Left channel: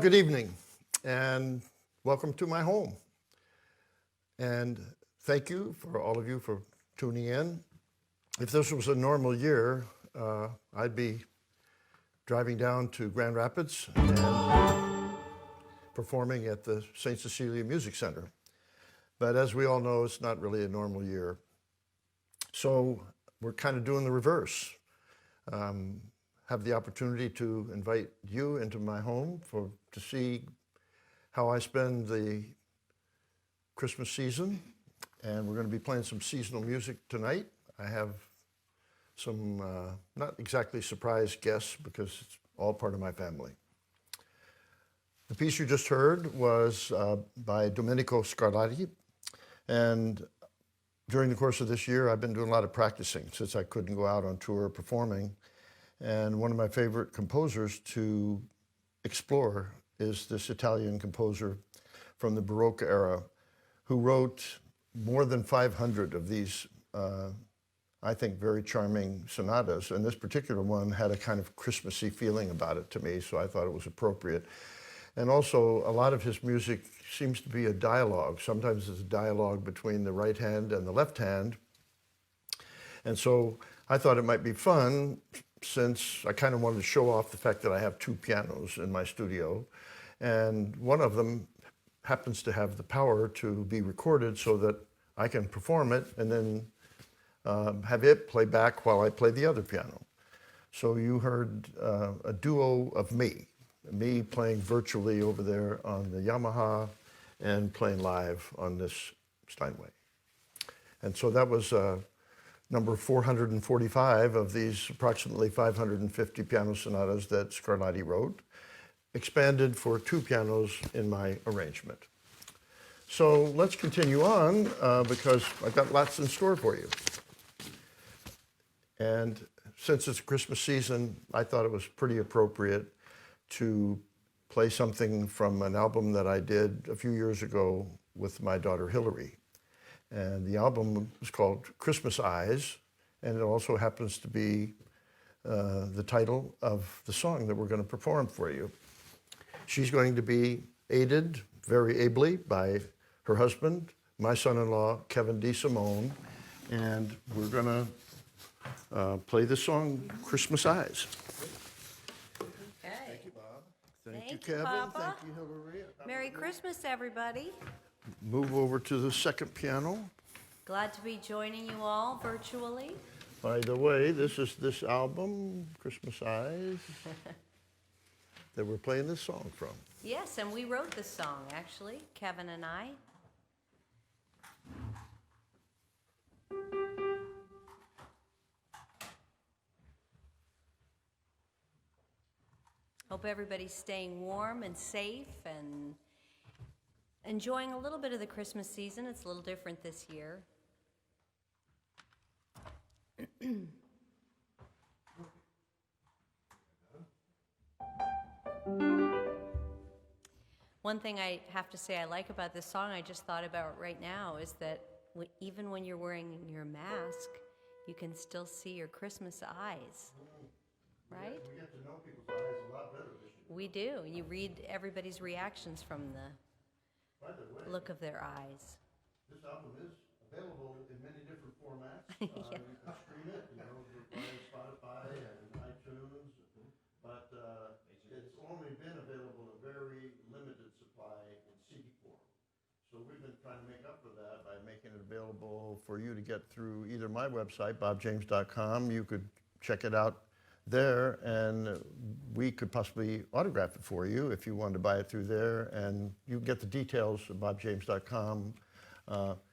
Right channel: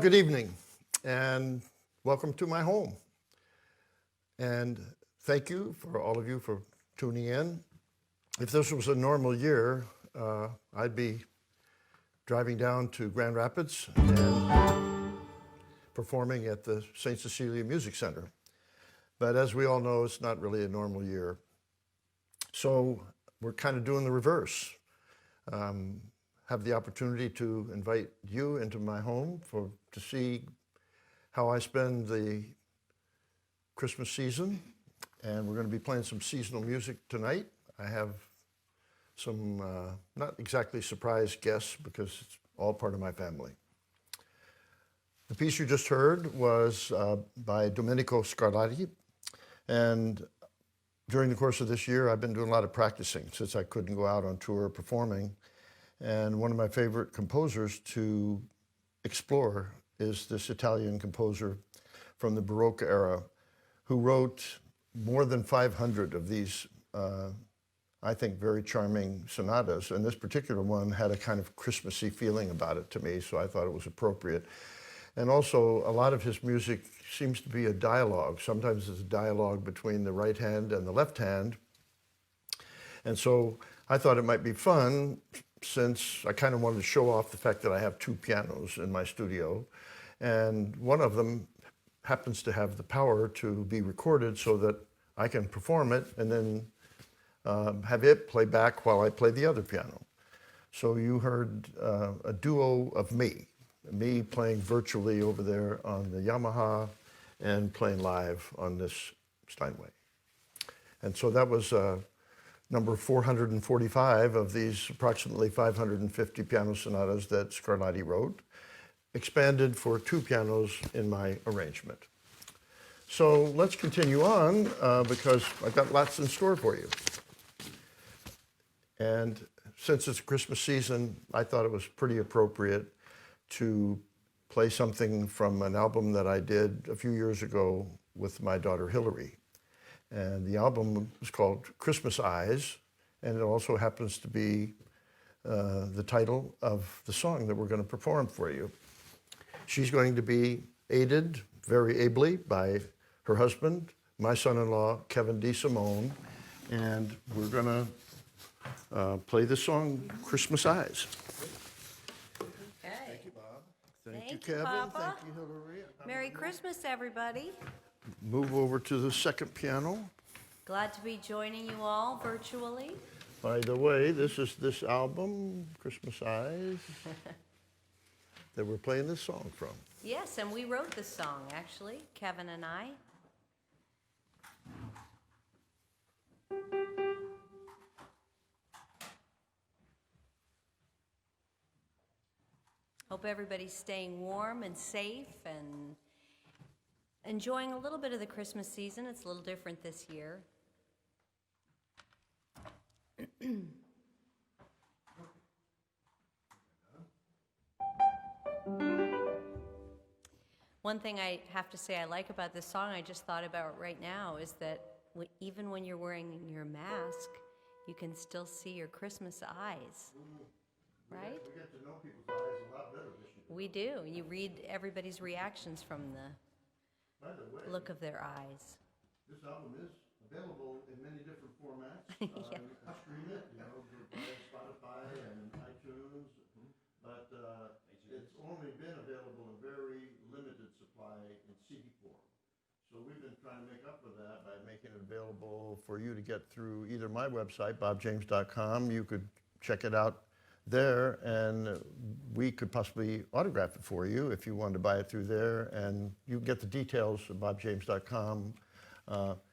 good evening, and welcome to my home. And thank you for all of you for tuning in. If this was a normal year, I'd be driving down to Grand Rapids and performing at the St. Cecilia Music Center. But as we all know, it's not really a normal year. So we're kind of doing the reverse. Have the opportunity to invite you into my home to see how I spend the Christmas season. And we're going to be playing some seasonal music tonight. I have some not exactly surprise guests because it's all part of my family. The piece you just heard was by Domenico Scarlatti. And during the course of this year, I've been doing a lot of practicing since I couldn't go out on tour performing. And one of my favorite composers to explore is this Italian composer from the Baroque era who wrote more than 500 of these, I think, very charming sonatas. And this particular one had a kind of Christmassy feeling about it to me, so I thought it was appropriate. And also, a lot of his music seems to be a dialogue. Sometimes it's a dialogue between the right hand and the left hand. And so I thought it might be fun, since I kind of wanted to show off the fact that I have two pianos in my studio. And one of them happens to have the power to be recorded so that I can perform it and then have it play back while I play the other piano. So you heard a duo of me playing virtually over there on the Yamaha and playing live on this Steinway. And so that was number 445 of these approximately 550 piano sonatas that Scarlatti wrote, expanded for two pianos in my arrangement. So let's continue on because I've got lots in store for you. And since it's Christmas season, I thought it was pretty appropriate to play something from an album that I did a few years ago with my daughter Hilary. And the album is called Christmas Eyes, and it also happens to be the title of the song that we're going to perform for you. She's going to be aided very ably by her husband, my son-in-law, Ava de Simone, and we're going to play the song Christmas Eyes. Okay. Thank you, Bob. Thank you, you, Kevin. Papa. Thank you, Hilary. Merry Christmas, everybody. Move over to the second piano. Glad to be joining you all virtually. By the way, this is this album, Christmas Eyes, that we're playing this song from. Yes, and we wrote this song, actually, Kevin and I. Hope everybody's staying warm and safe and enjoying a little bit of the Christmas season. It's a little different this year. One thing I have to say I like about this song, I just thought about right now, is that even when you're wearing your mask, you can still see your Christmas eyes, right? We get to know people's eyes a lot better this year. We do. You read everybody's reactions from the By the way, look of their eyes. this album is available in many different formats. Yeah. You can stream it, via Spotify and iTunes, but it's only been available in very limited supply in CD form. So we've been trying to make up for that by making it available for you to get through either my website, bobjames.com. You could check it out there, and we could possibly autograph it for you if you wanted to buy it through there, and you get the details at bobjames.com.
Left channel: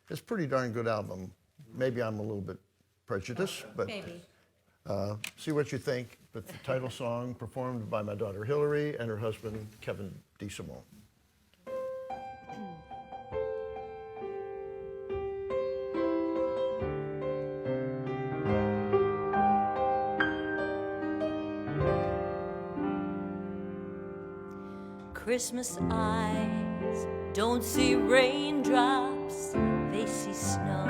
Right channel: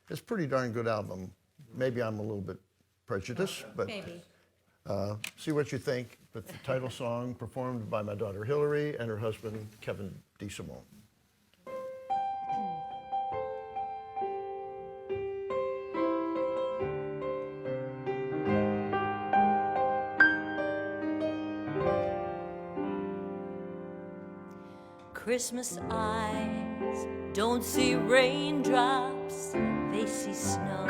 It's a pretty darn good album. Maybe I'm a little bit prejudiced, but Maybe. See what you think. But the title song performed by my daughter Hilary and her husband Ava de Simone. Christmas eyes don't see raindrops, they see snow.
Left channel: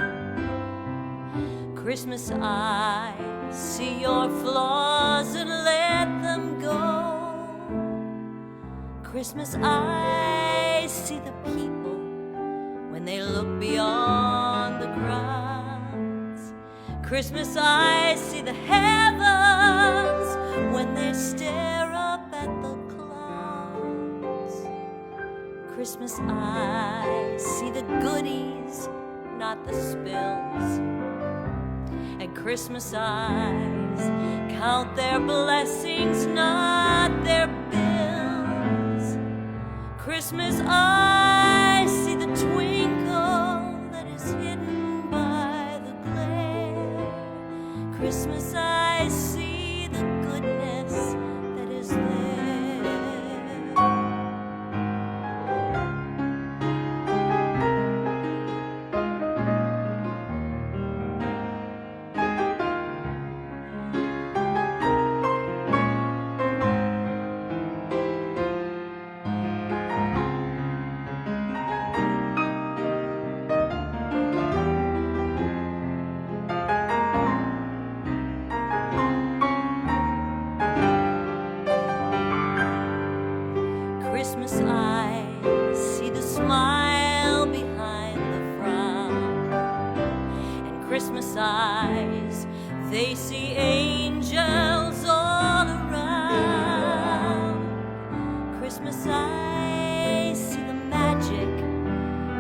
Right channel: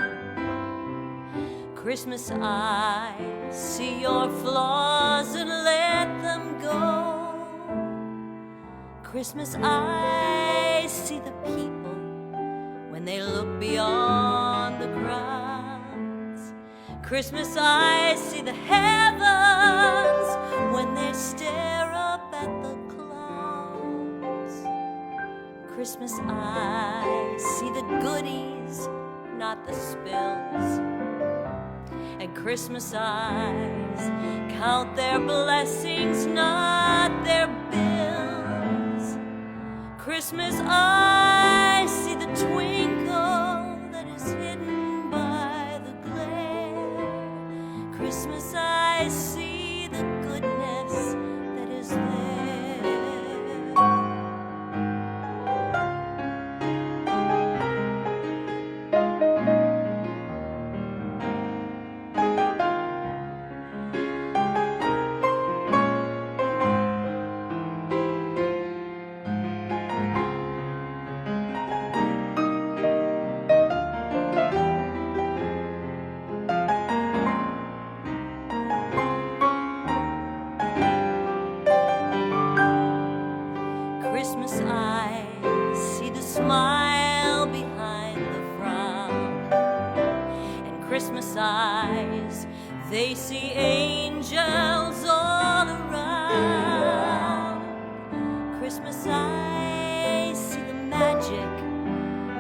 Christmas eyes see your flaws and let them go. Christmas eyes see the people when they look beyond the crowds. Christmas eyes see the heavens when they stare up at the clouds. Christmas eyes see the goodies, not the spills. And Christmas eyes count their blessings, not their bills. Christmas eyes see the twinkle that is hidden by the glare. Christmas eyes see the goodness that is there. Christmas eyes see the smile behind the frown. And Christmas eyes, they see angels all around. Christmas eyes see the magic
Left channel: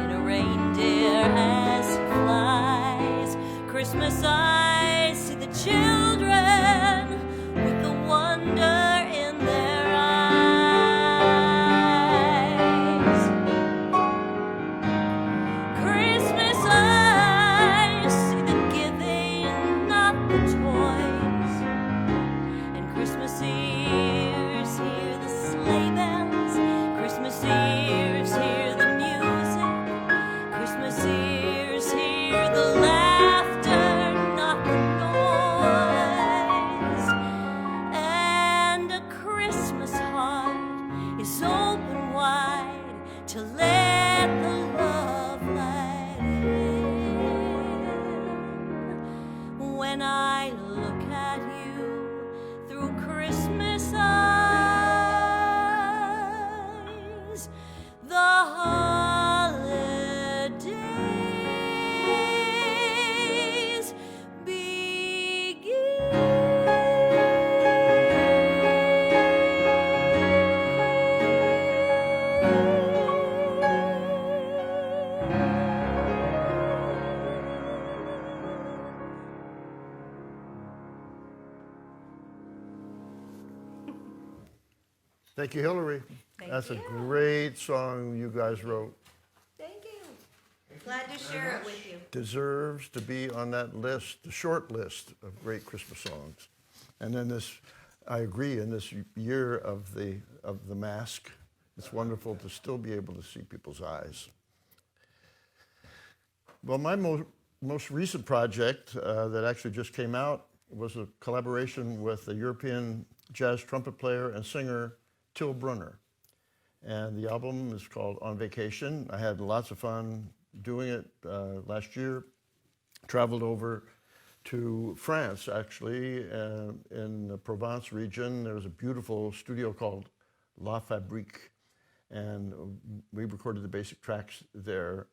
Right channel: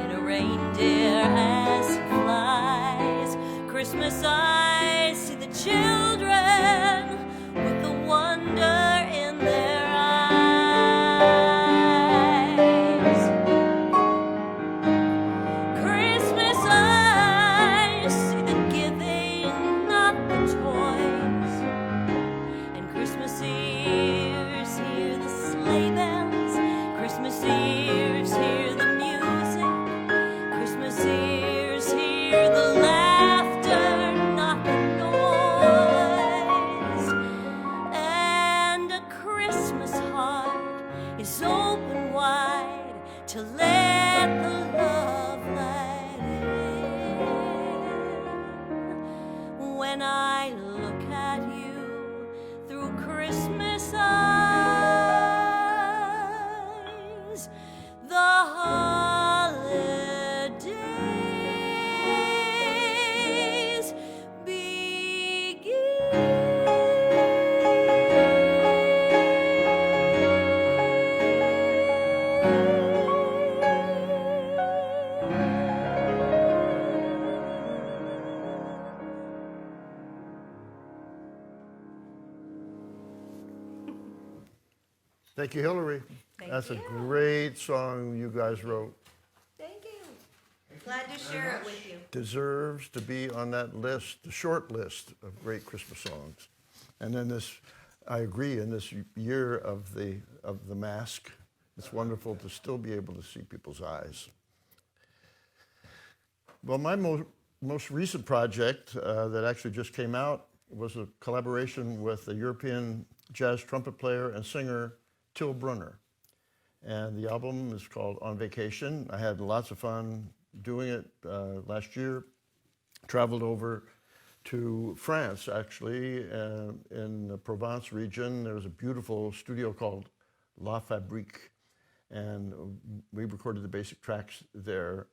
in a reindeer as he flies. Christmas eyes see the children with the wonder in their eyes. Christmas eyes see the giving, not the toys. And Christmas ears hear the sleigh bells. Christmas ears hear the music. Christmas ears hear the laughter, not the noise. And a Christmas heart is open wide to let the love light in. When I look at you through Christmas eyes, the holidays Thank you, Hilary. Thank That's you. a great song you guys wrote. Thank you. Glad to share it with you. Deserves to be on that list, the short list of great Christmas songs. And then this, I agree, in this year of the mask, it's wonderful to still be able to see people's eyes. Well, my most recent project that actually just came out was a collaboration with a European jazz trumpet player and singer, Till Brunner. And the album is called On Vacation. I had lots of fun doing it last year. Traveled over to France, actually, in the Provence region. There was a beautiful studio called La Fabrique, and we recorded the basic tracks there.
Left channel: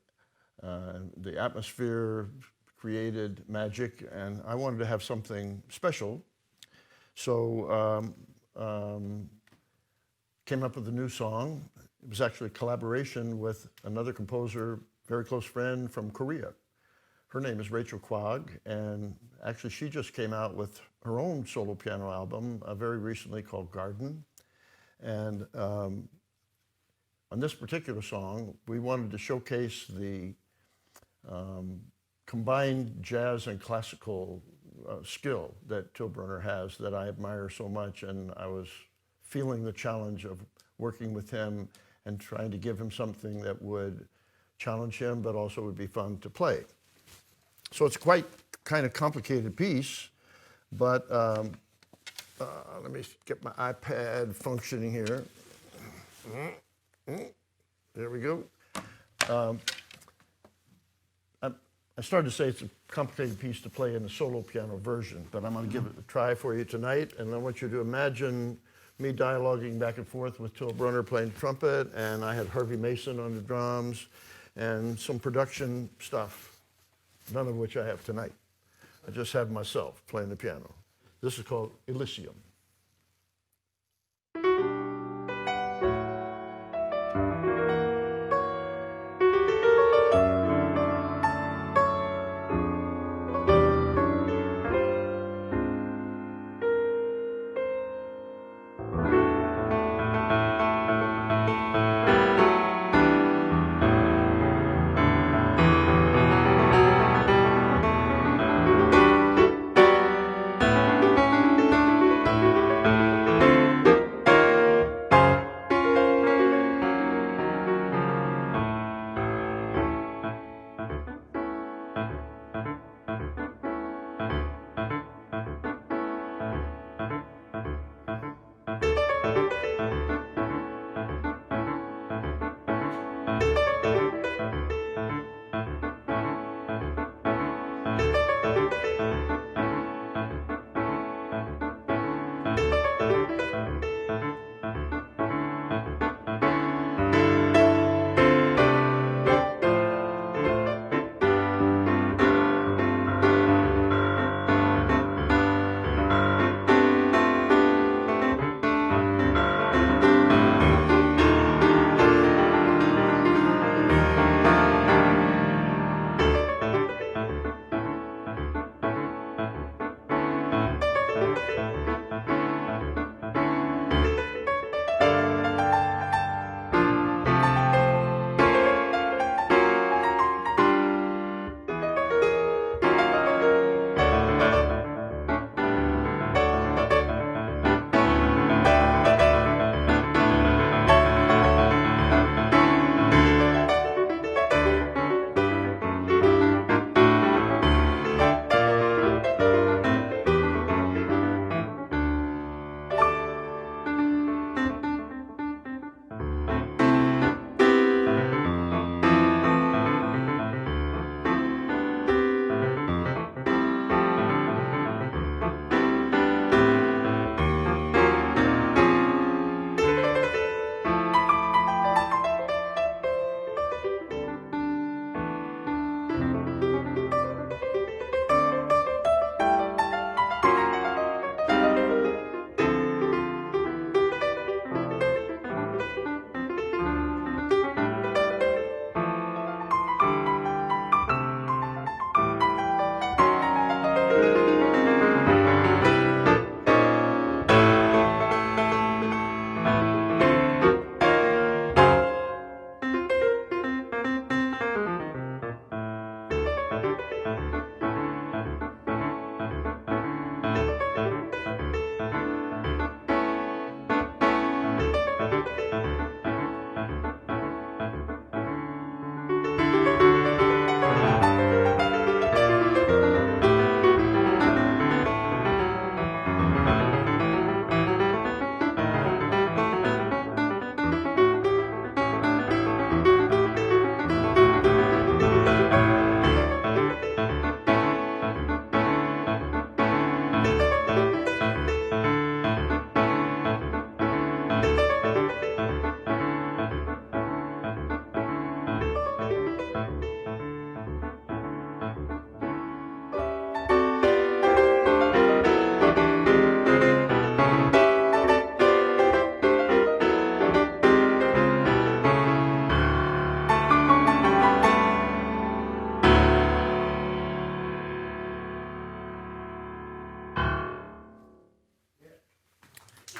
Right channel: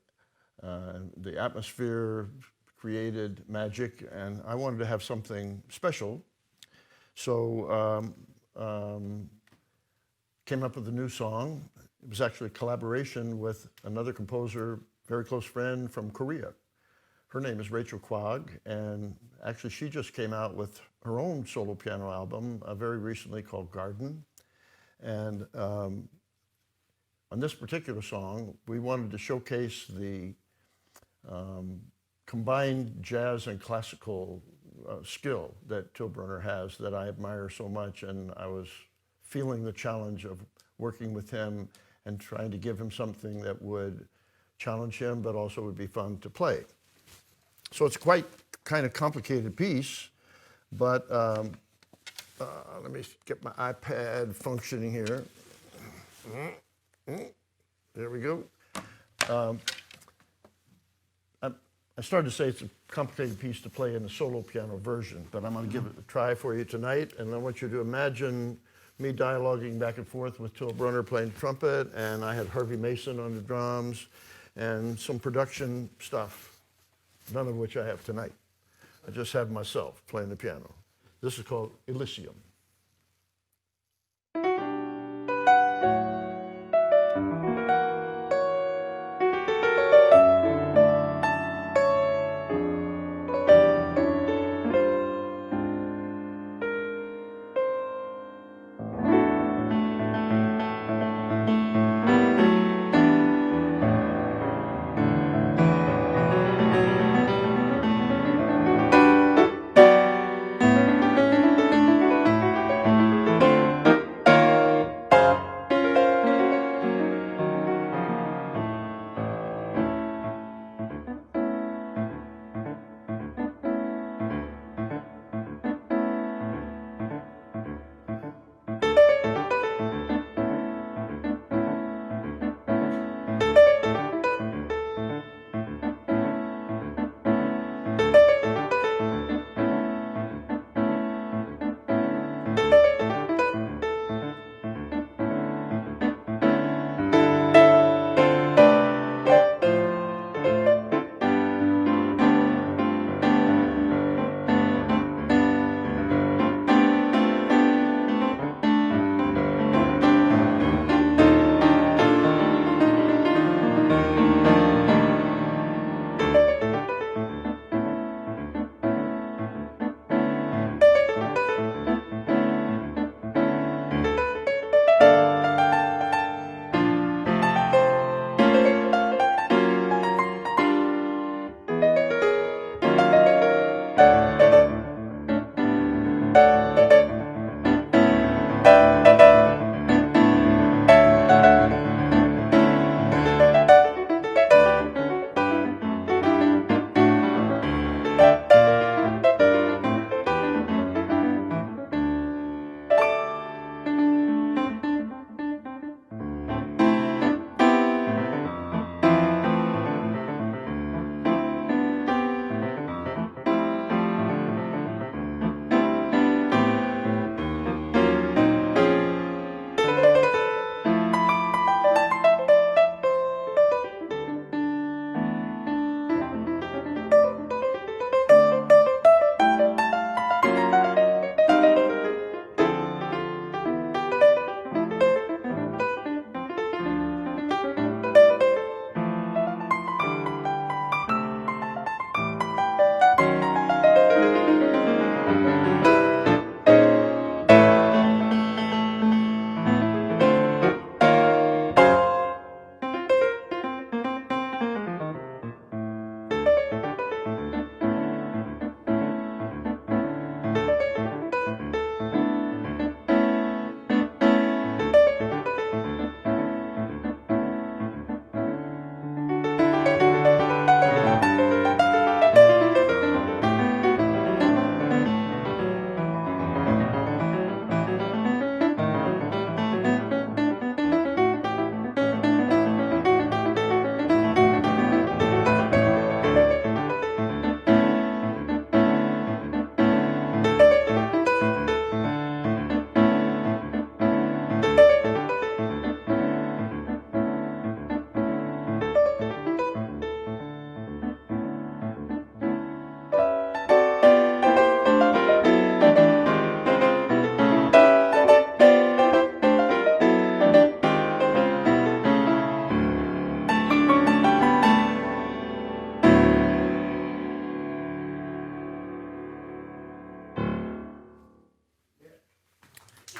The atmosphere created magic, and I wanted to have something special. So came up with a new song. It was actually a collaboration with another composer, very close friend from Korea. Her name is Rachel Kwok, and actually she just came out with her own solo piano album very recently called Garden. And on this particular song, we wanted to showcase the combined jazz and classical skill that Till Brunner has that I admire so much, and I was feeling the challenge of working with him and trying to give him something that would challenge him but also would be fun to play. So it's quite kind of complicated piece, but let me get my iPad functioning here. There we go. I started to say it's a complicated piece to play in the solo piano version, but I'm going to give it a try for you tonight, and I want you to imagine me dialoguing back and forth with Till Brunner playing trumpet, and I had Harvey Mason on the drums, and some production stuff, none of which I have tonight. I just have myself playing the piano. This is called Elysium.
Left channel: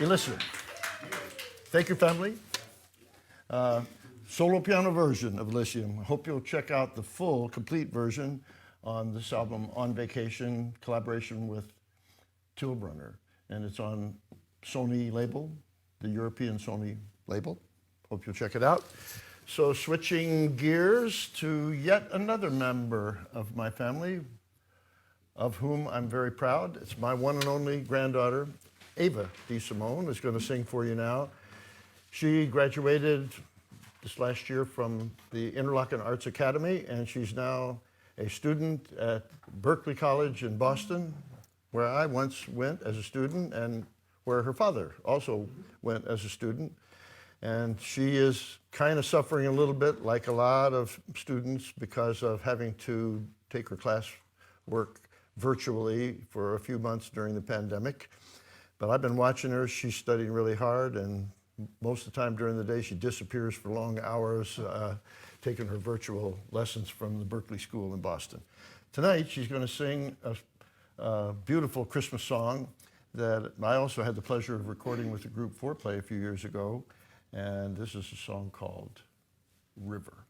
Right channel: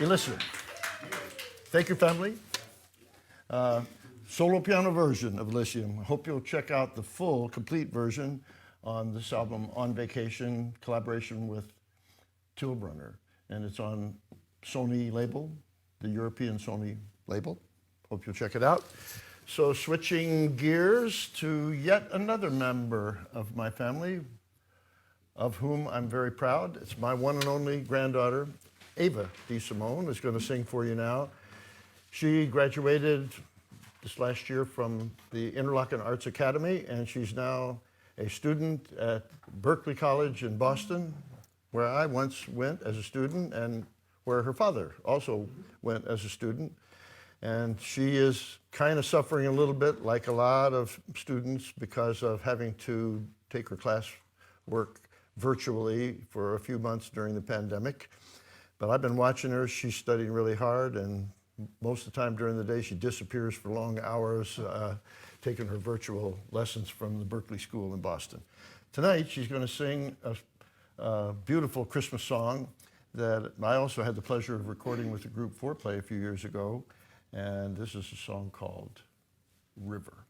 Elysium. Thank you, family. Solo piano version of Elysium. I hope you'll check out the full, complete version on this album, On Vacation, collaboration with Till Brunner. And it's on Sony label, the European Sony label. Hope you'll check it out. So switching gears to yet another member of my family, of whom I'm very proud. It's my one and only granddaughter, Ava DiSimone, is going to sing for you now. She graduated this last year from the Interlochen Arts Academy, and she's now a student at Berklee College in Boston, where I once went as a student and where her father also went as a student. And she is kind of suffering a little bit, like a lot of students, because of having to take her classwork virtually for a few months during the pandemic. But I've been watching her. She's studying really hard, and most of the time during the day she disappears for long hours, taking her virtual lessons from the Berkeley School in Boston. Tonight she's going to sing a beautiful Christmas song that I also had the pleasure of recording with the group Foreplay a few years ago. And this is a song called River.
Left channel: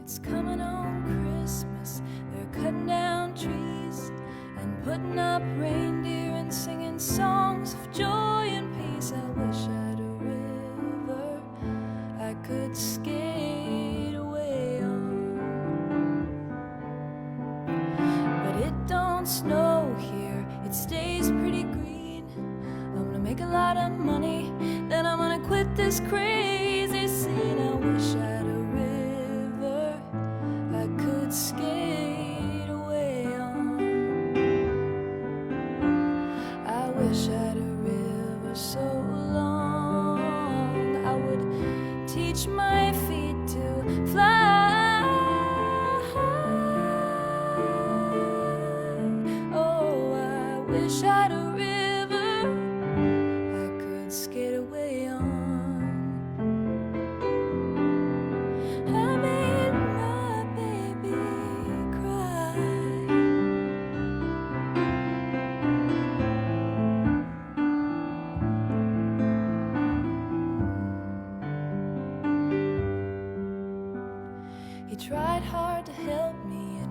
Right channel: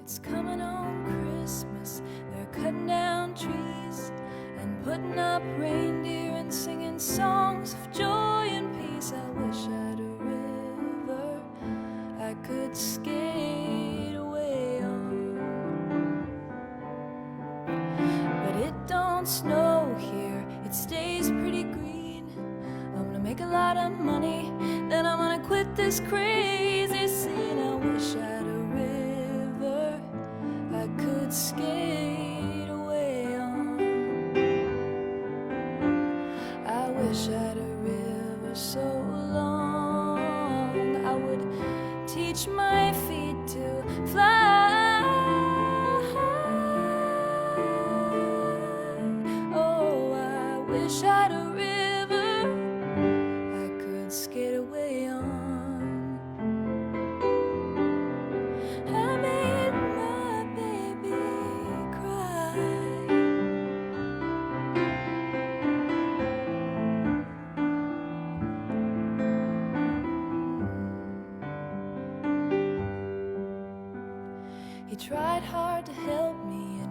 It's coming on Christmas, they're cutting down trees and putting up reindeer and singing songs of joy and peace. I wish I had a river I could skate away on. But it don't snow here, it stays pretty green. I'm gonna make a lot of money, then I'm gonna quit this crazy scene. I wish I had a river I could skate away on. I wish I had a river so long I would teach my feet to fly. Oh, I wish I had a river I could skate away on. I made my baby cry. He tried hard to help me, he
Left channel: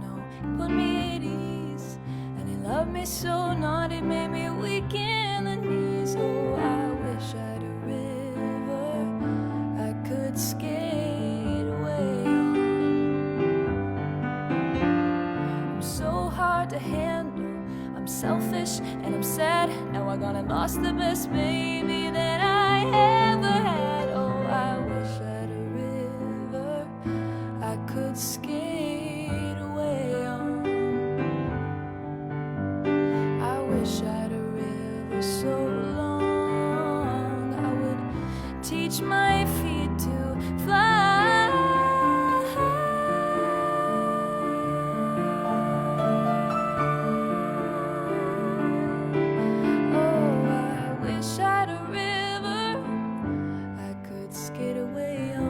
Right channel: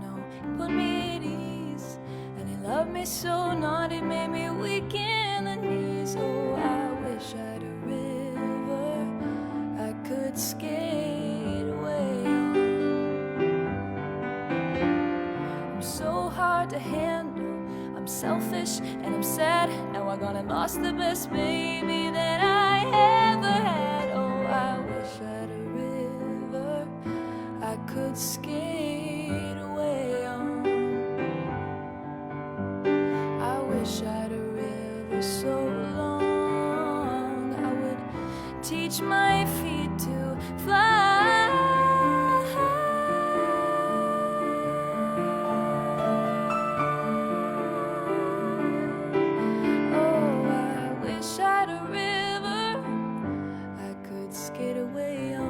put me at ease. And he loved me so not, it made me weak in the knees. Oh, I wish I had a river I could skate away on. I'm so hard to handle, I'm selfish and I'm sad. Now I gone and lost the best baby that I ever had. Oh, I wish I had a river I could skate away on. I wish I had a river so long I would teach my feet to fly. Oh, I wish I had a river I could skate away on.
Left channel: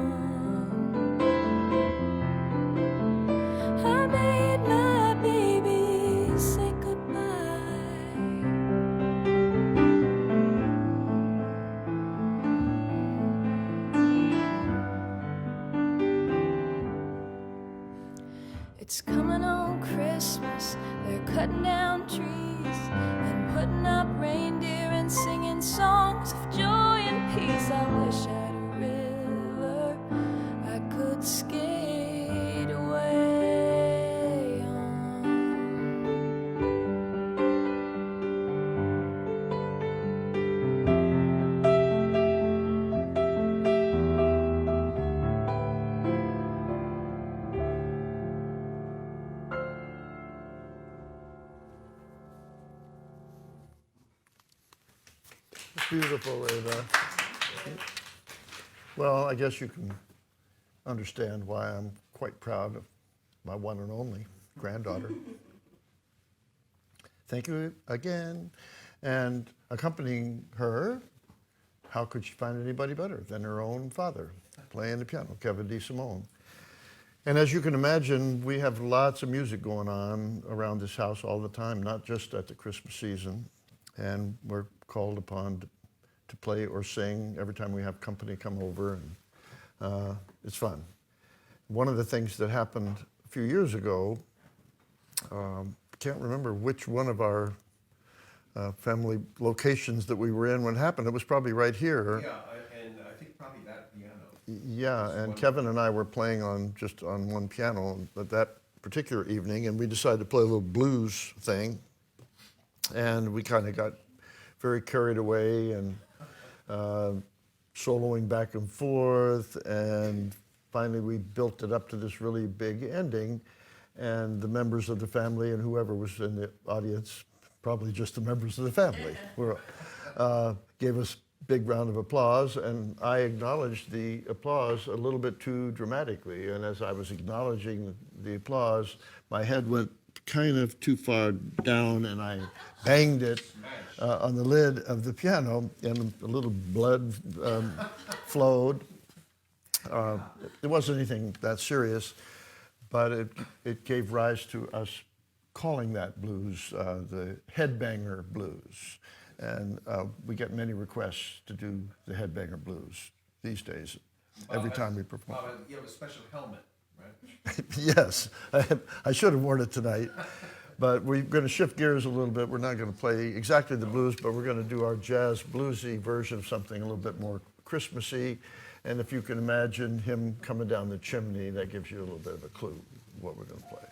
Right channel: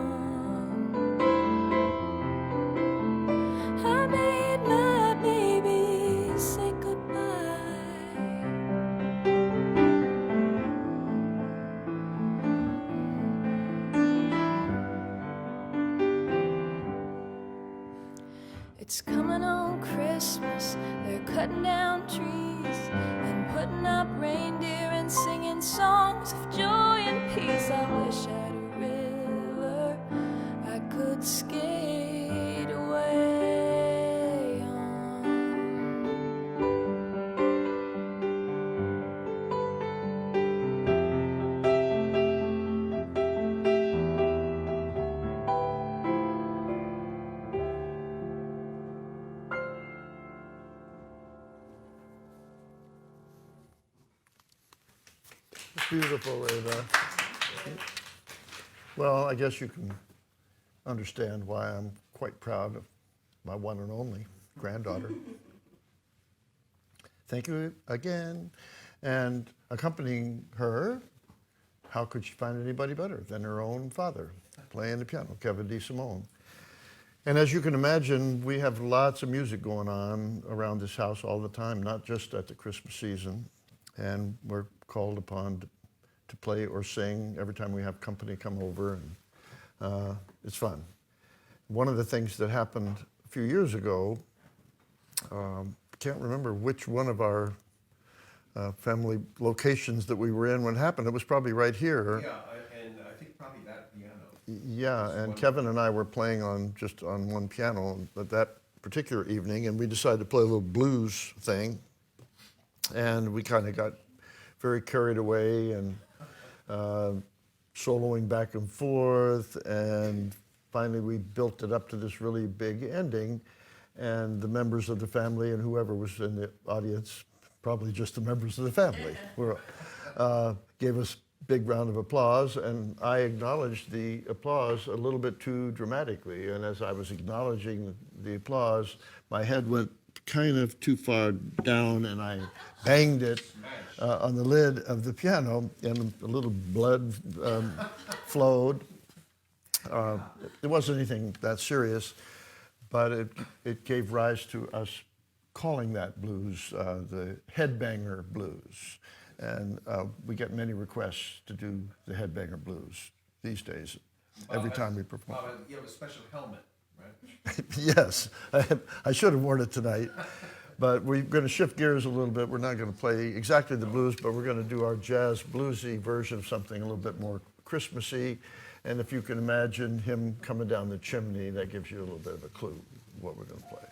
I made my baby say goodbye. It's coming on Christmas, they're cutting down trees and putting up reindeer and singing songs of joy and peace. I wish I had a river I could skate away on. Beautiful, Ava. Well, I guess you can understand why I'm quite proud of my one and only granddaughter. Thank you again. And accompanying her, how could she find anybody better than her own father playing the piano, Ava de Simone. And as you can imagine, we have lots of music going on around this house all the time, not just at the Christmas season. And we're called upon to play or sing every time we have company come over, and it's fun. One of the things that happened a few years ago, can't remember which one of our family locations that we were in when it happened. It was probably right here. Yeah, and I think probably that piano. Yeah, and Kevin and I were playing on just on one piano at that particular evening, and we decided to play a little blues thing, and we kind of got very carried away and soloing back and forth, and finally we built it up to this really big ending, and the members of the family and whoever was in the audience, probably just the members of the family, gave us big round of applause, and I acknowledged the applause a little bit too dramatically. And as I was acknowledging the applause, my head went kind of too far down, and I banged it on the lid of the piano, and a little blood flowed. It wasn't anything that serious, but it gave rise to us calling that blues the headbanger blues. And we get many requests to do the headbanger blues these days, every time we perform. You have a special helmet, right? Yes, I should have worn it tonight. But we're going to shift gears a little bit. We're not going to play exactly the blues, but we're going to do our jazz bluesy version of something a little bit more Christmassy. And if you can imagine him coming down the chimney, that gives you a little bit of a clue of what we're going to play.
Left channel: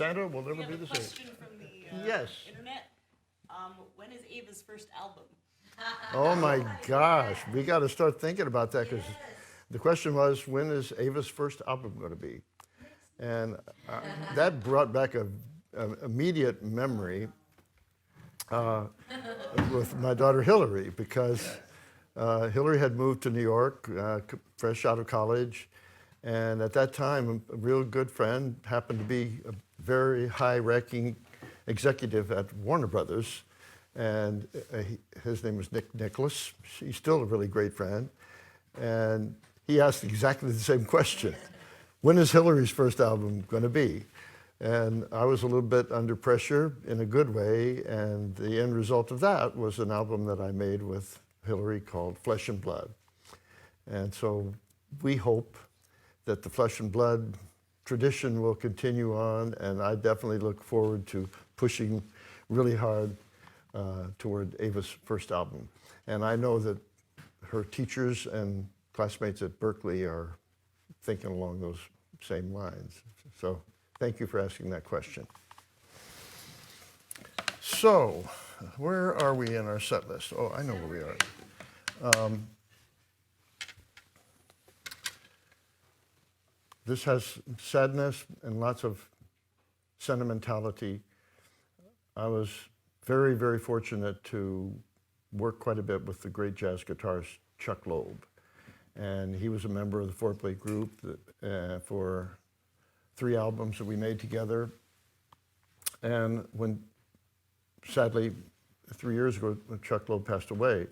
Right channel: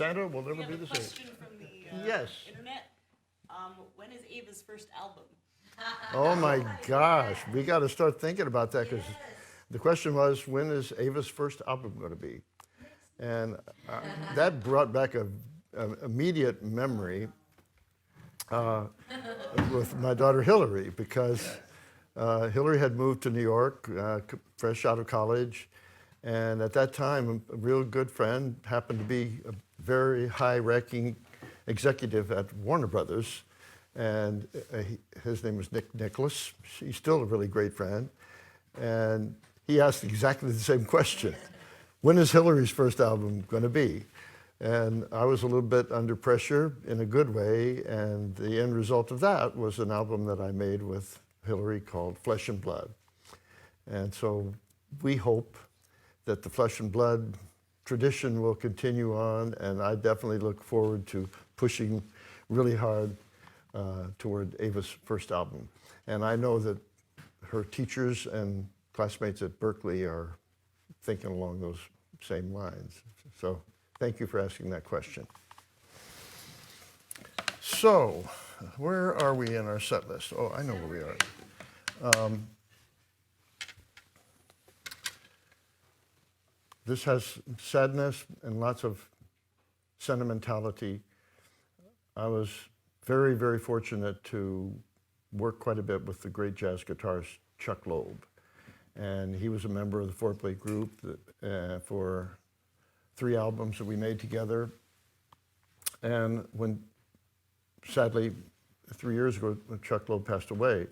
Santa will never We have be a the same. question from the Yes. internet. When is Ava's first album? Oh my gosh, we got to start thinking about that because the question was, when is Ava's first album going to be? And that brought back a immediate memory with my daughter Hilary, because Hilary had moved to New York, fresh out of college, and at that time, a real good friend happened to be a very high-ranking executive at Warner Brothers, and his name was Nick Nicholas. He's still a really great friend, and he asked exactly the same question: when is Hilary's first album going to be? And I was a little bit under pressure in a good way, and the end result of that was an album that I made with Hilary called Flesh and Blood. And so we hope that the Flesh and Blood tradition will continue on, and I definitely look forward to pushing really hard toward Ava's first album. And I know that her teachers and classmates at Berkeley are thinking along those same lines. So thank you for asking that question. So, where are we in our set list? Oh, I know where we are. This has sadness and lots of sentimentality. I was very, very fortunate to work quite a bit with the great jazz guitarist Chuck Loeb. And he was a member of the four-play group for 3 albums that we made together. And when, sadly, 3 years ago, Chuck Loeb passed away.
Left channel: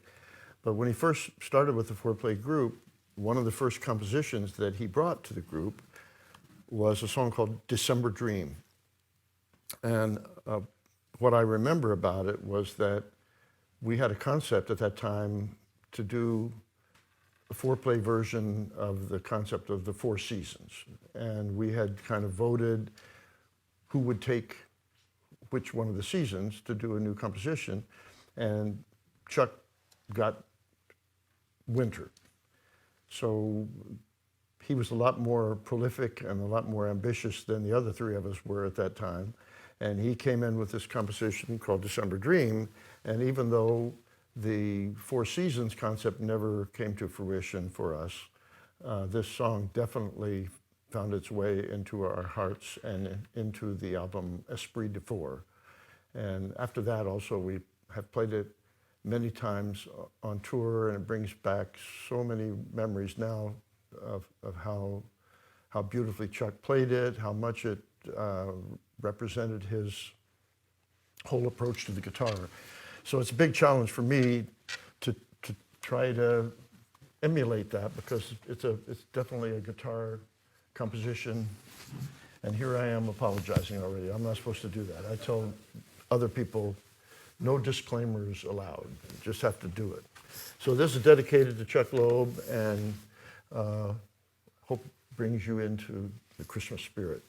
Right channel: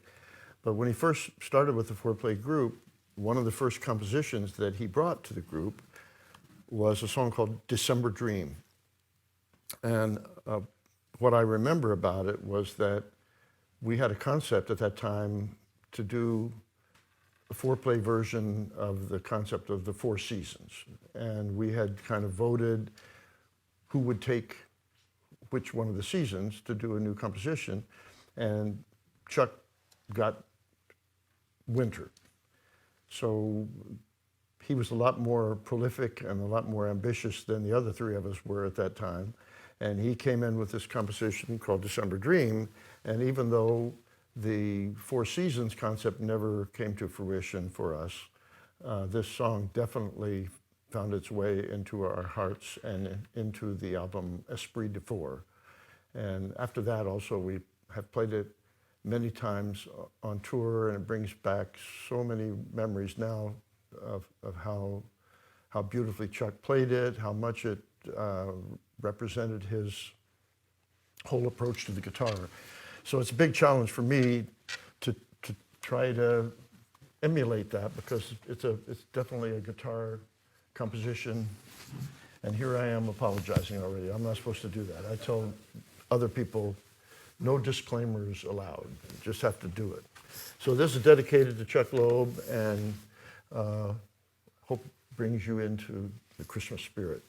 But when he first started with the four-play group, one of the first compositions that he brought to the group was a song called December Dream. And what I remember about it was that we had a concept at that time to do a four-play version of the concept of the 4 seasons. And we had kind of voted who would take which one of the seasons to do a new composition. And Chuck got winter. So he was a lot more prolific and a lot more ambitious than the other 3 of us were at that time. And he came in with this composition called December Dream. And even though the 4 seasons concept never came to fruition for us, this song definitely found its way into our hearts and into the album Esprit de Four. And after that also we have played it many times on tour, and it brings back so many memories now of how beautifully Chuck played it, how much it represented his whole approach to the guitar. So it's a big challenge for me to try to emulate that, because it's definitely a guitar composition. And here I am apologizing already. I'm not supposed to do that. I tell other people, no disclaimers allowed. You just have to do it. So this is dedicated to Chuck Loeb, and hope brings you into the Christmas spirit.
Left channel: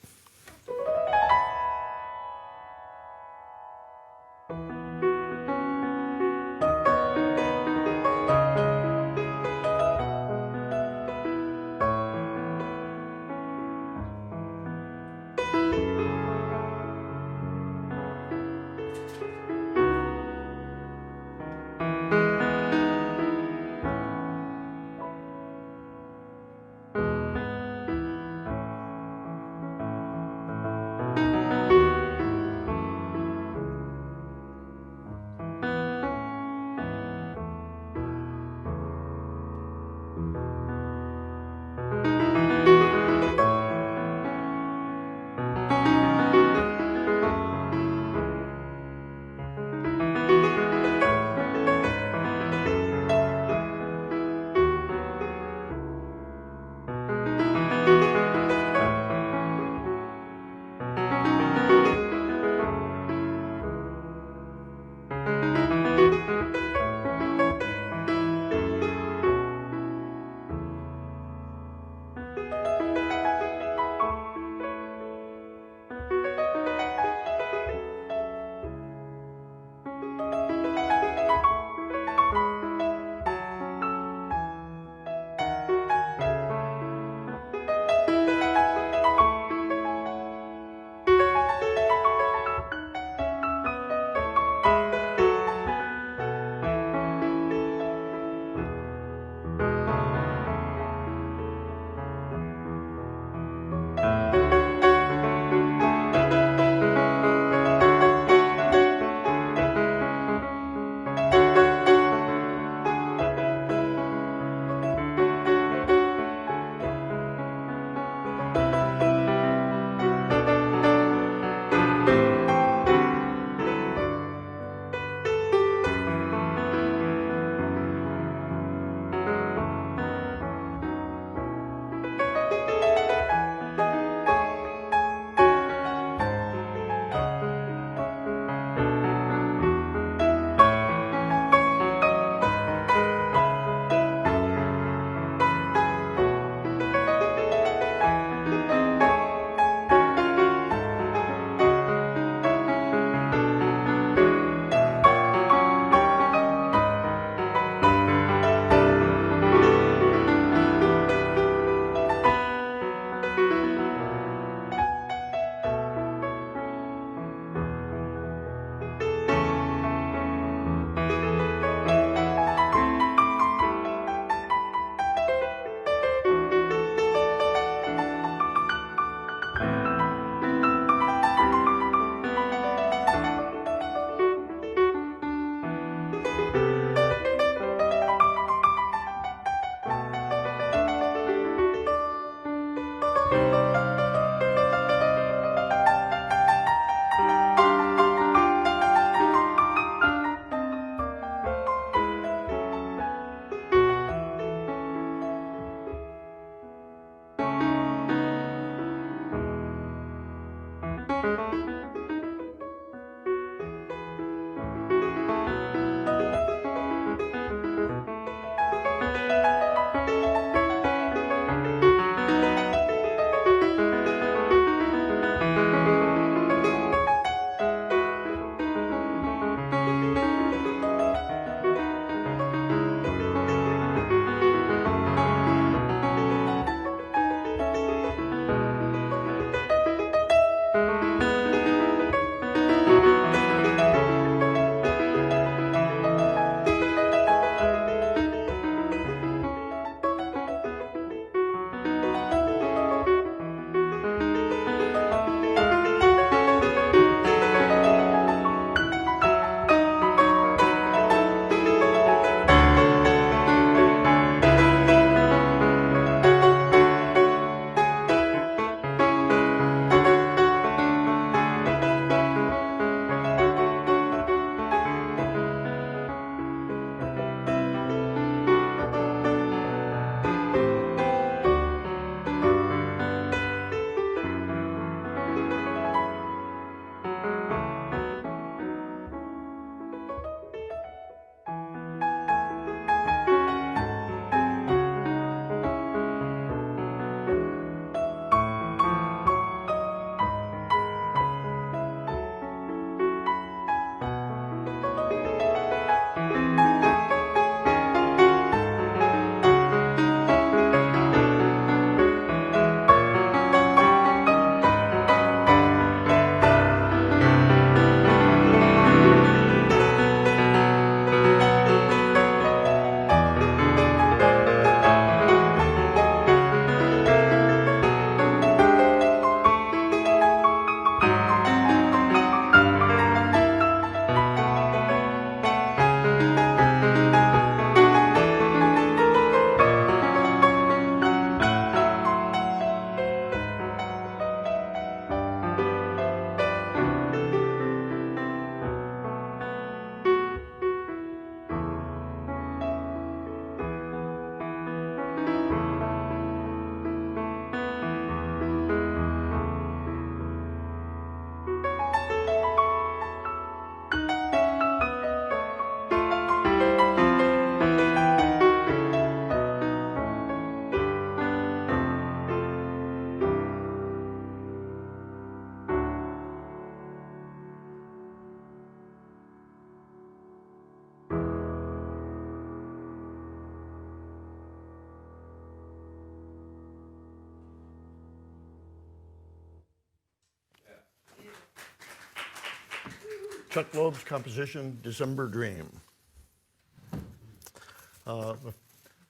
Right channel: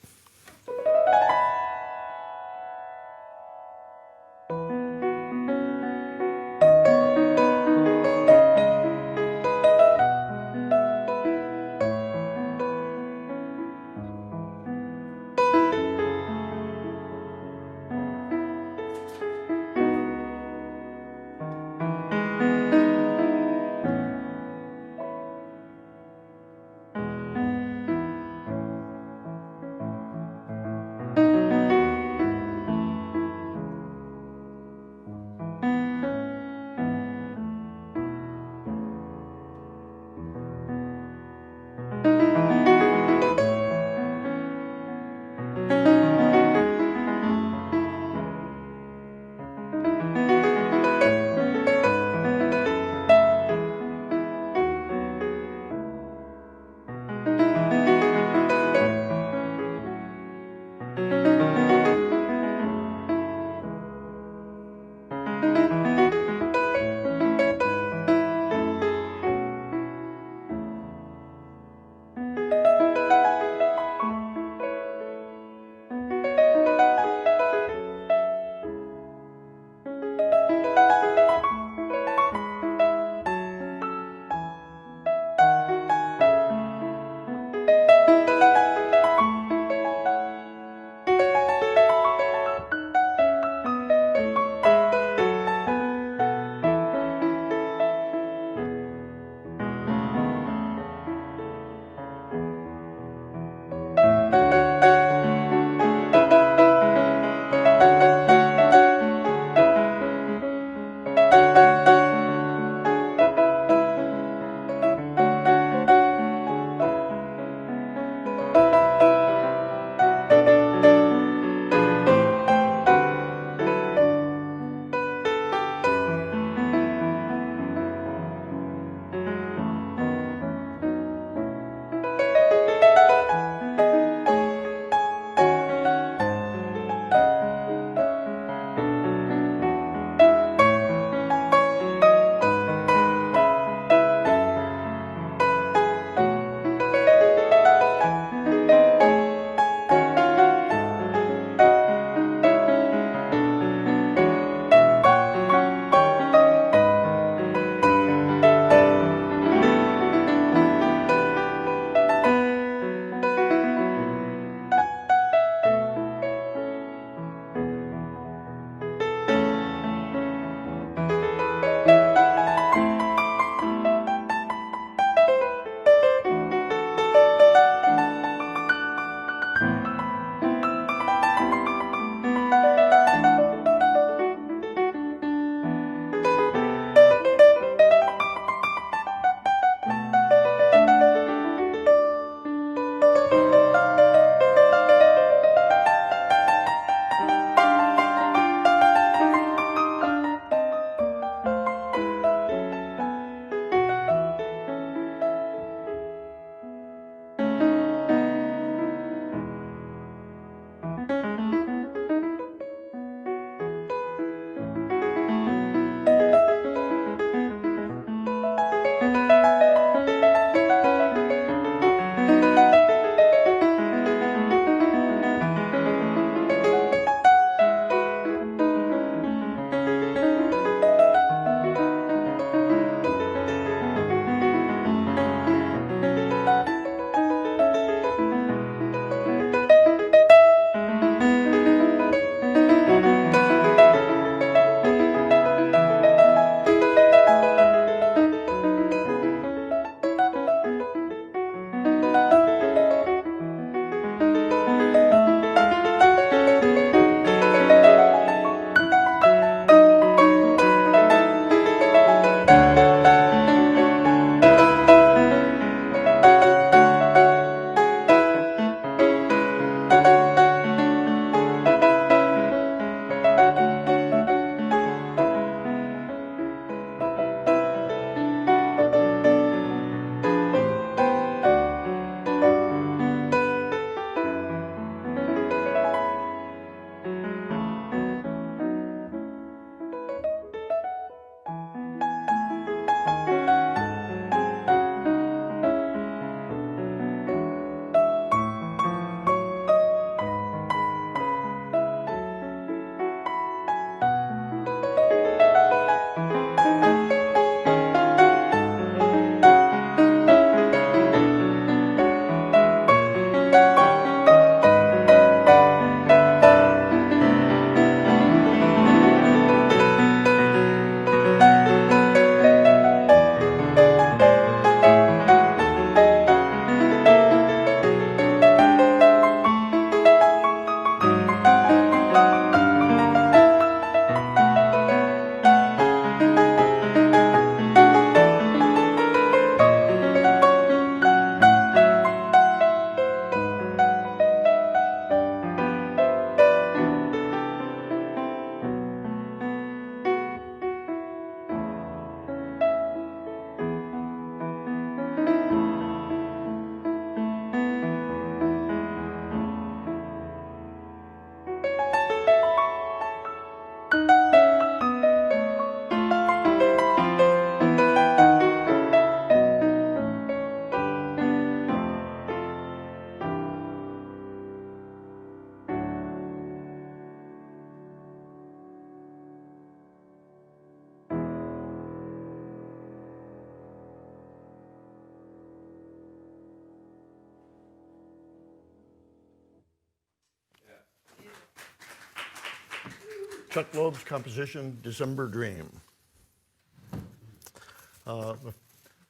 Chuck Loeb's composition, December Dream.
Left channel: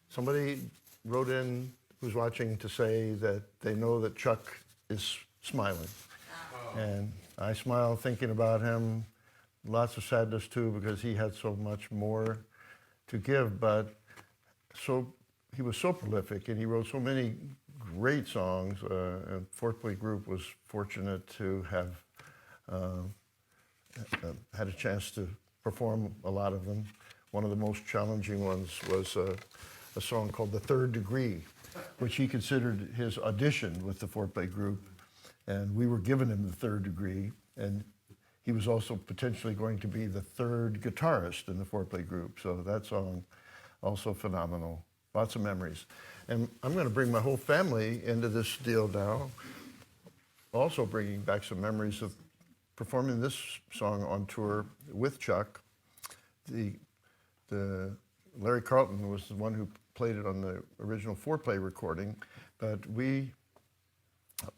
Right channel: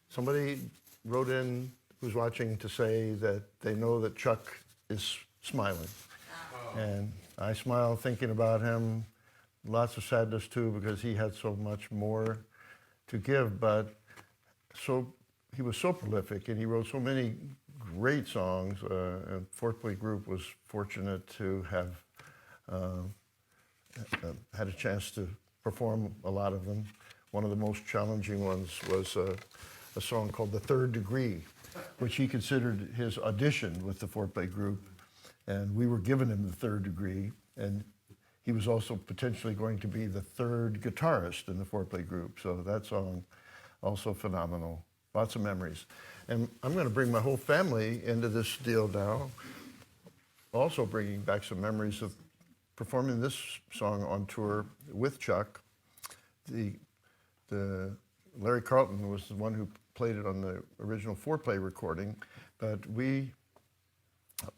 Somebody wrote in who's watching to say that they know that Chuck is smiling. And I smile thinking about him. Lots of sadness too, because he had so much more to give, but he was so prolific and he wrote so many great songs. And Fourth-Play Group was fortunate to have had a chance to perform a lot of them. One of the most challenging ones was a song called The Third Degree, which he considered his audition with the Fourth-Play Group. And we were giving him the third degree, and he was also potentially going to be the third guitarist in the Fourth-Play Group. So that song, also phenomenal. Lots of memories. And I'm going to bring my whole family into this deal now, also bringing back some memories of performing this song on tour with Chuck. Larry Carlton was the one who played it on the original Four-Play recording, but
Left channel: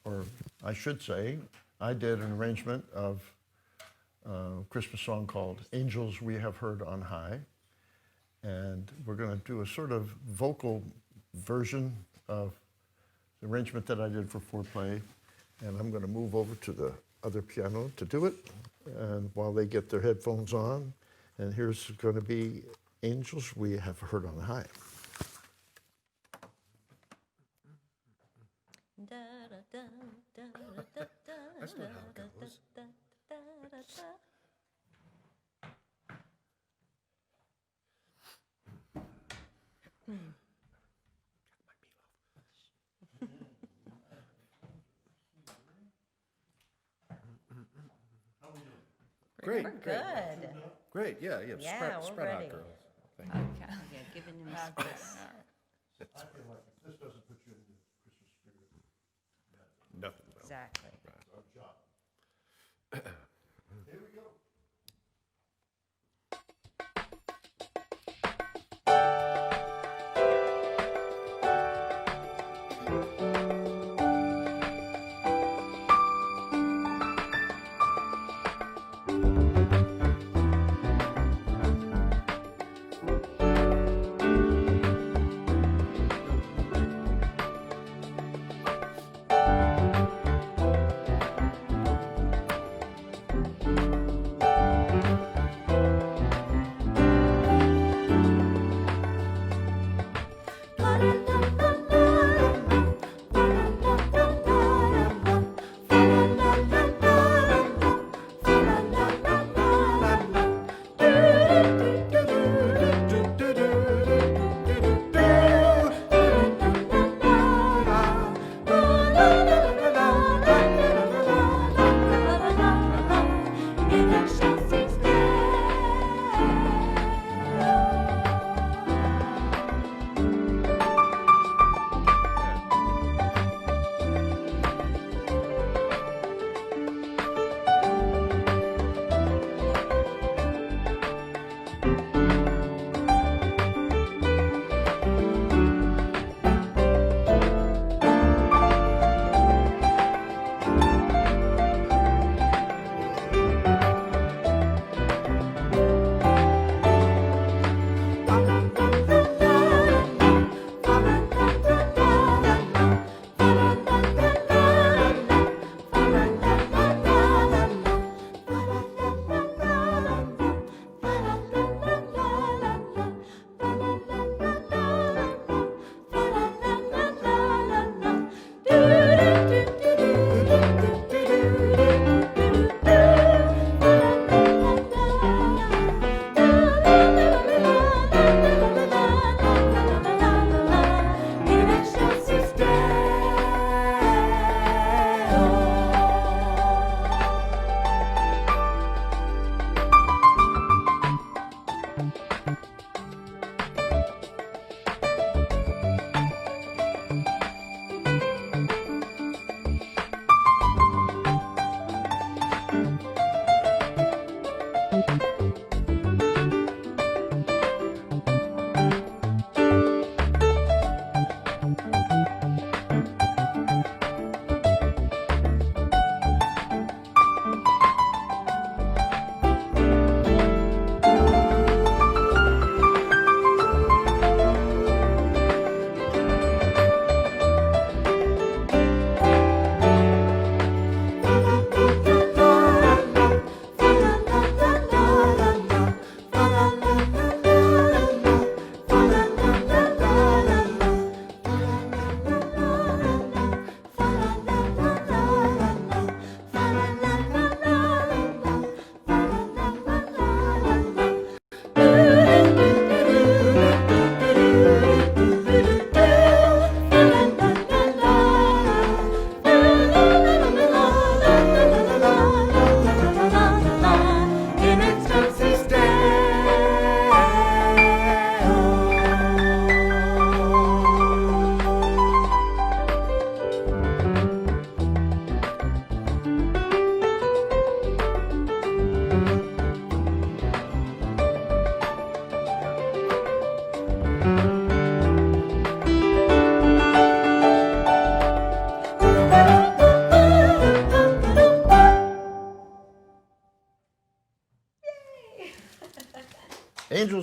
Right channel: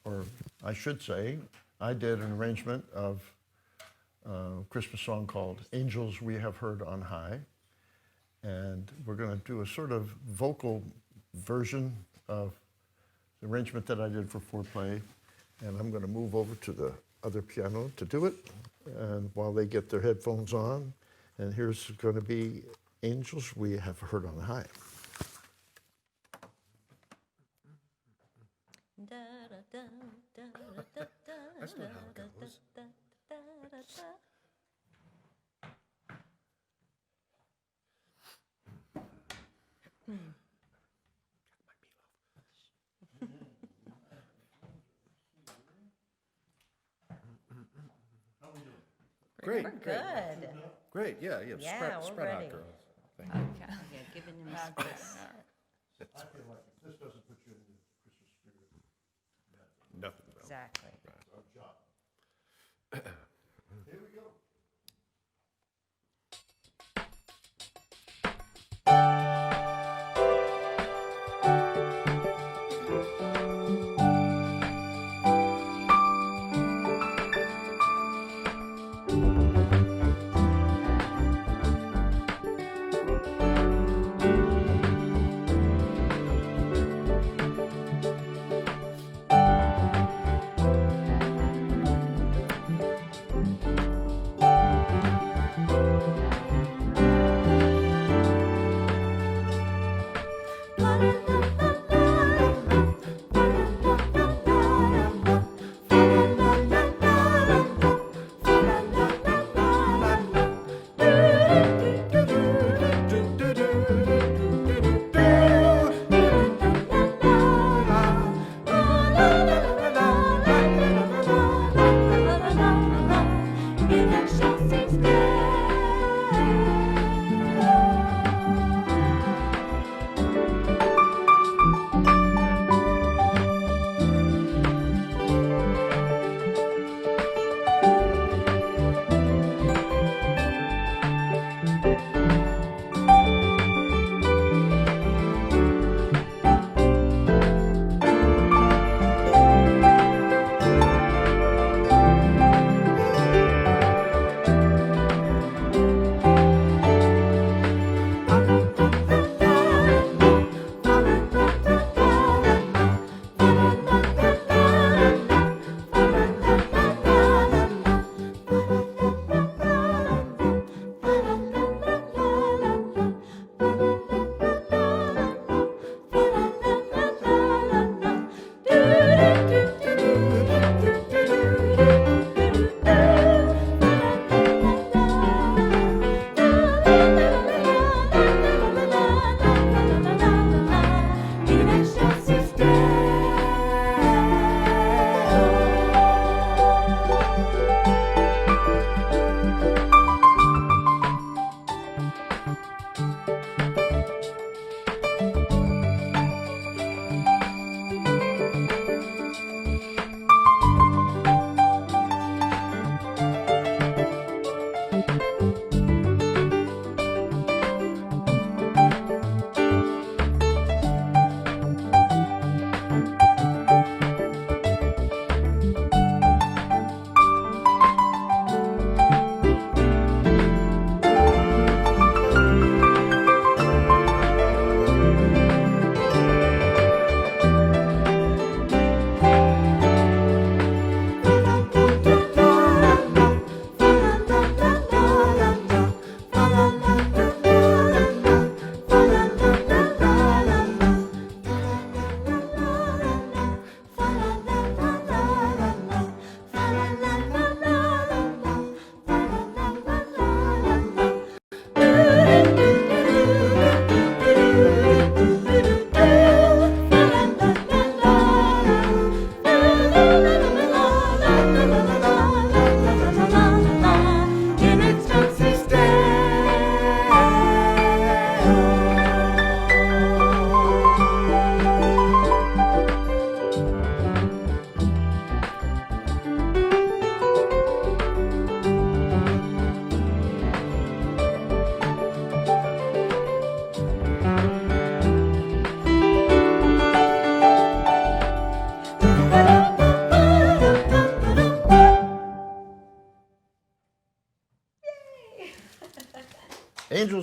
or I should say, I did an arrangement of a Christmas song called Angels We Have Heard on High. And we're going to do a sort of vocal version of the arrangement that I did for Four-Play. And I'm going to move over to the other piano to do it, and while they get their headphones on. And here's going to be Angels We Have Heard on High. That's not how it goes. Great, We're great, good. great. Yeah, Yeah, spread, we're spread ready. out, girls. Thank Okay. you. Yeah, giving him Okay. space. All right. I feel like if this doesn't put you in the Christmas spirit, Nothing about it. Exactly. it's our job. Here we go.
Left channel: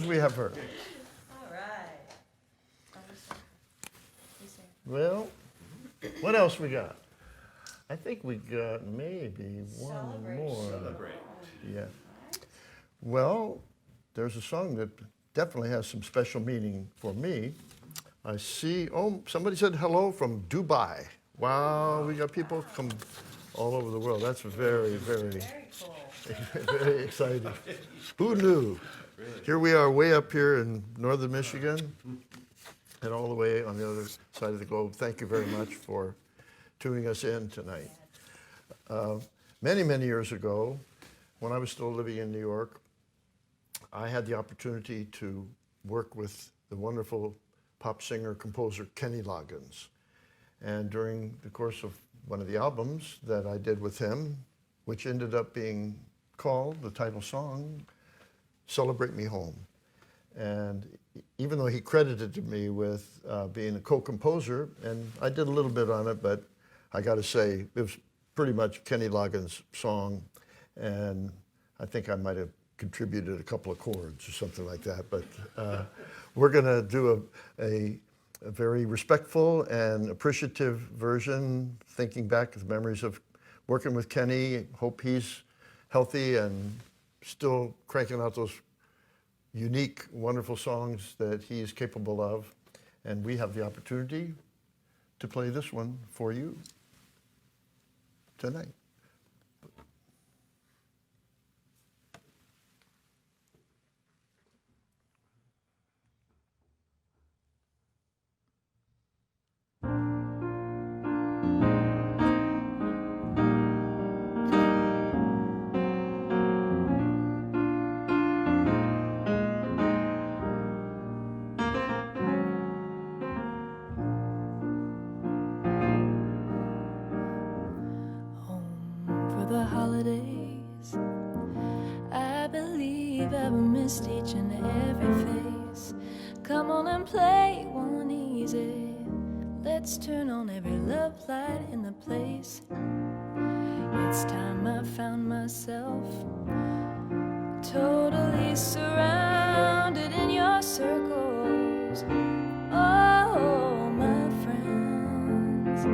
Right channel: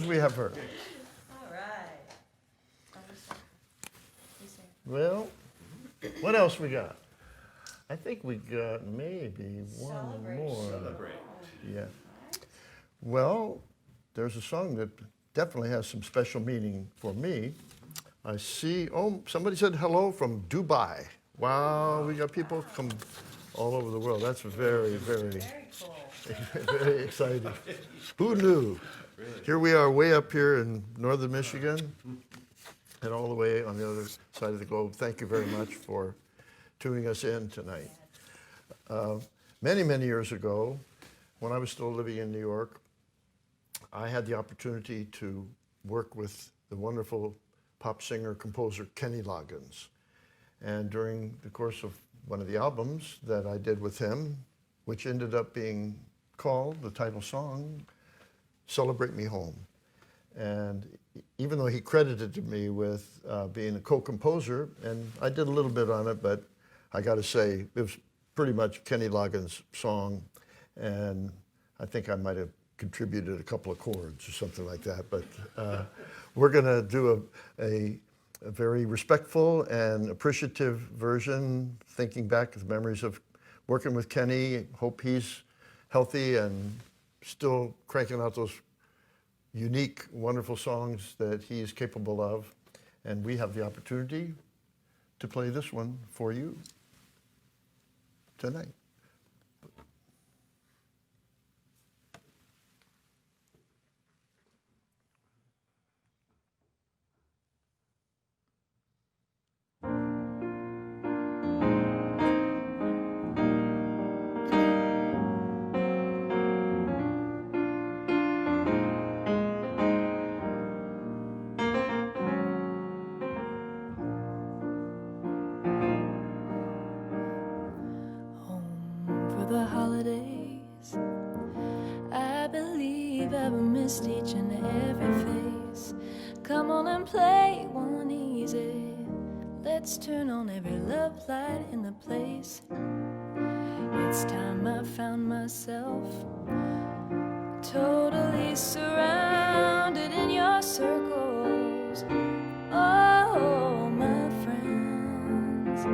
we have her. All right. Well, what else we got? I think we got maybe one more. Celebrate. Yeah. Well, there's a song that definitely has some special meaning for me. I see, oh, somebody said hello from Dubai. Wow, we got people from all over the world. That's very, very, Very cool. very exciting. Who knew? Here we are way up here in northern Michigan and all the way on the other side of the globe. Thank you very much for tuning us in tonight. Many, many years ago, when I was still living in New York, I had the opportunity to work with the wonderful pop singer, composer Kenny Loggins. And during the course of one of the albums that I did with him, which ended up being called, the title song, Celebrate Me Home. And even though he credited me with being a co-composer, and I did a little bit on it, but I got to say, it was pretty much Kenny Loggins' song, and I think I might have contributed a couple of chords or something like that. But we're going to do a very respectful and appreciative version, thinking back to the memories of working with Kenny. Hope he's healthy and still cranking out those unique, wonderful songs that he's capable of. And we have the opportunity to play this one for you tonight. The holidays, I believe I've missed each and every face. Come on and play one easy. Let's turn on every love light in the place. It's time I found myself totally surrounded in your circles. Oh, my friends,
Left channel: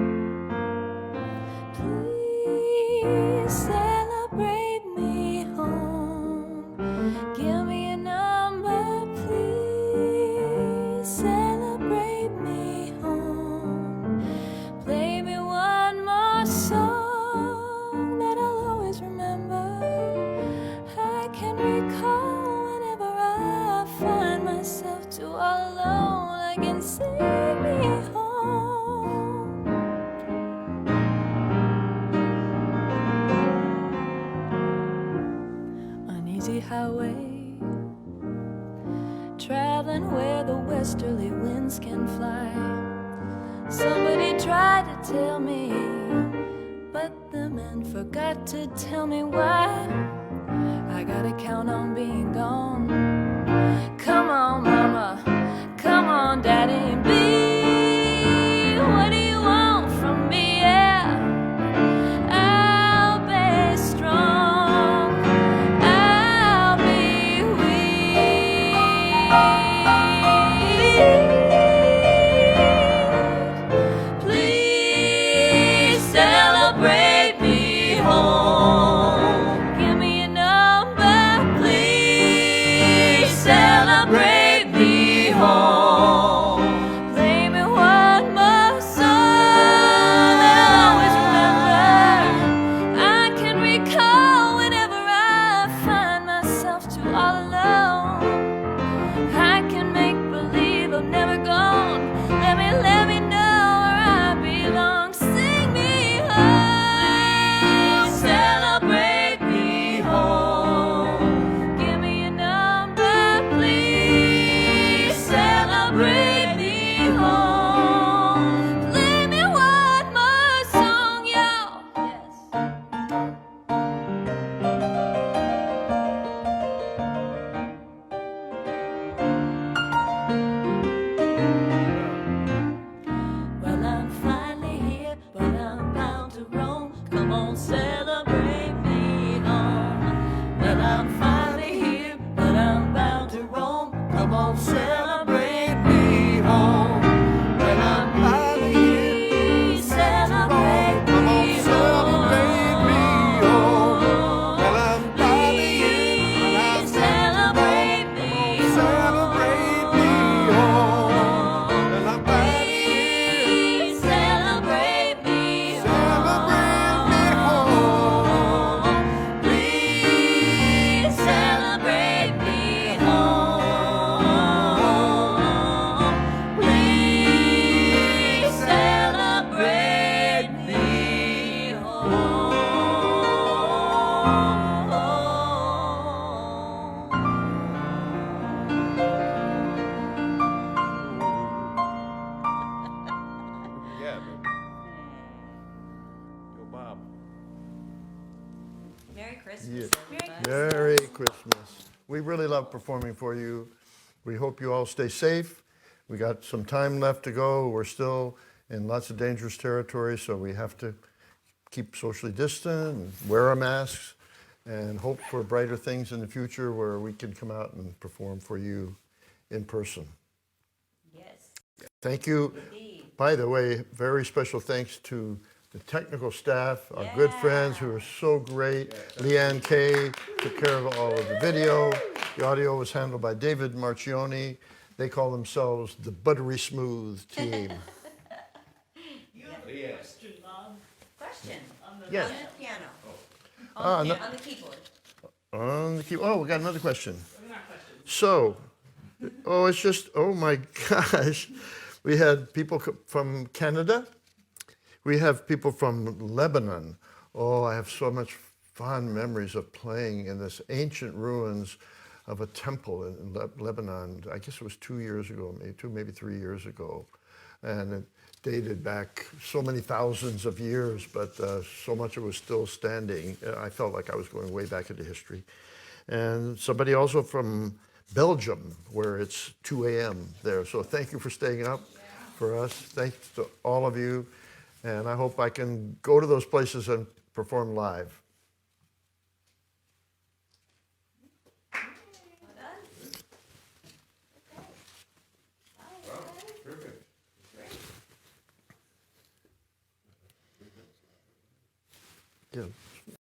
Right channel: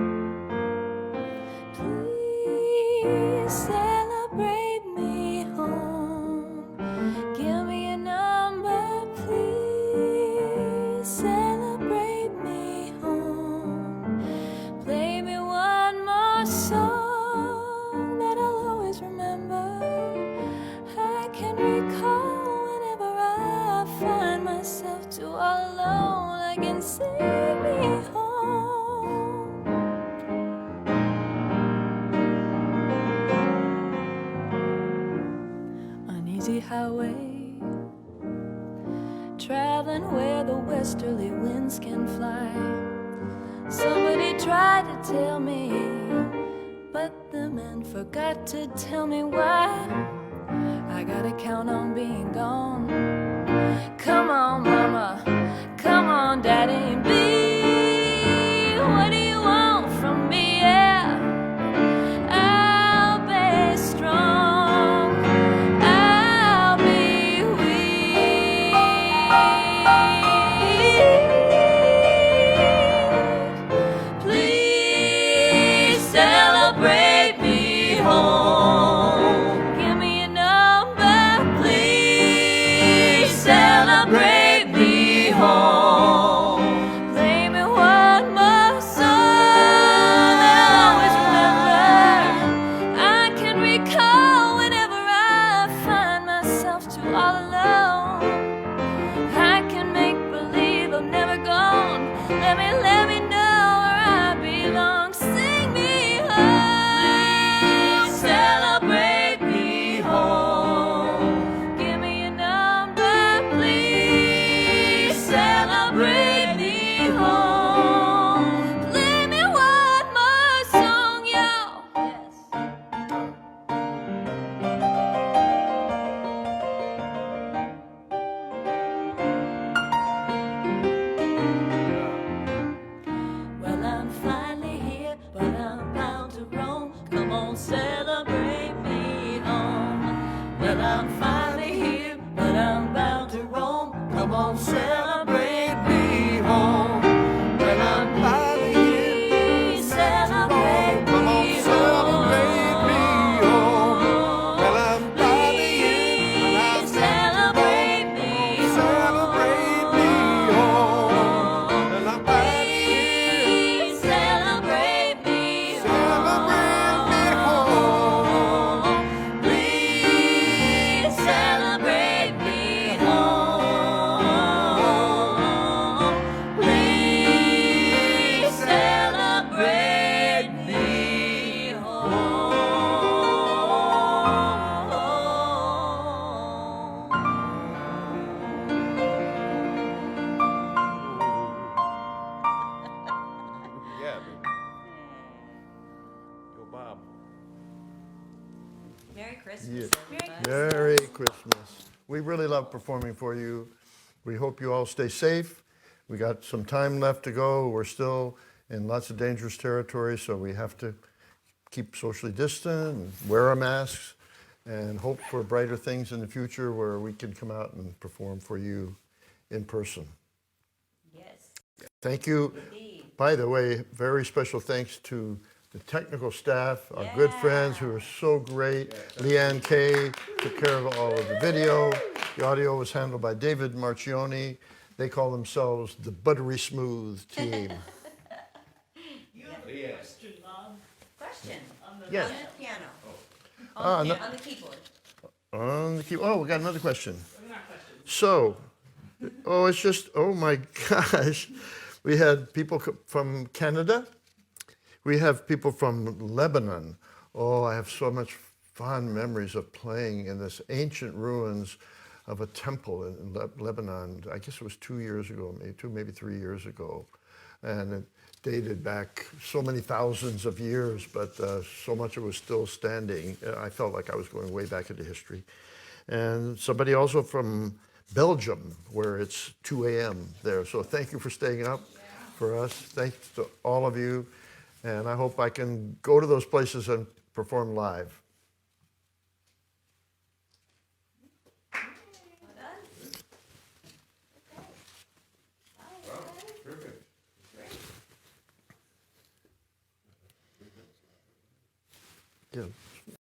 please celebrate me home. Give me a number, please celebrate me home. Play me one more song that I'll always remember. I can recall whenever I find myself too all alone, I can sing me home. Uneasy highway, traveling where the westerly winds can fly. Somebody tried to tell me, but the man forgot to tell me why. I gotta count on being gone. Come on, mama, come on, daddy, be. What do you want from me? Yeah, I'll be strong, I'll be weak. Please celebrate me home. Give me a number, please celebrate me home. Christmas, everybody. Merry Christmas. We really love performing for you. We hope you all stay safe. We got some time left to go. We're still in lots of dangerous territory, so we have to keep socially distant and wear our masks and hope for brighter things in the future where we can come out and perform for you in person. Yes, Thank you. indeed. By the way, very special thanks to the technical staff, our good friends who are so great. Leanne Kay took care of all of the video. The audio was handled by David Marchioni. They call themselves the Buttery Smooth team. You have a question, Bob, Question, on the Yes. on the piano, Ah, on, no- on the keyboard. On the key. Oh, we got another question. not questions. So, it's just, oh my gosh. We had people from Canada. We have people from Lebanon. Oh, I have so much fond memories of playing in this ancient ruins of a temple in Lebanon. I guess it was 2 years ago, maybe 3 years ago. And it dated back so many thousands of years, but so much of it was still standing. I felt like I was going way back into history. And somebody also from Belgium, where it's 2 a.m. there. So thank you for staying up for us. Thanks to all of you. And I hope I can go to those places and perform live. Perfect. Yeah.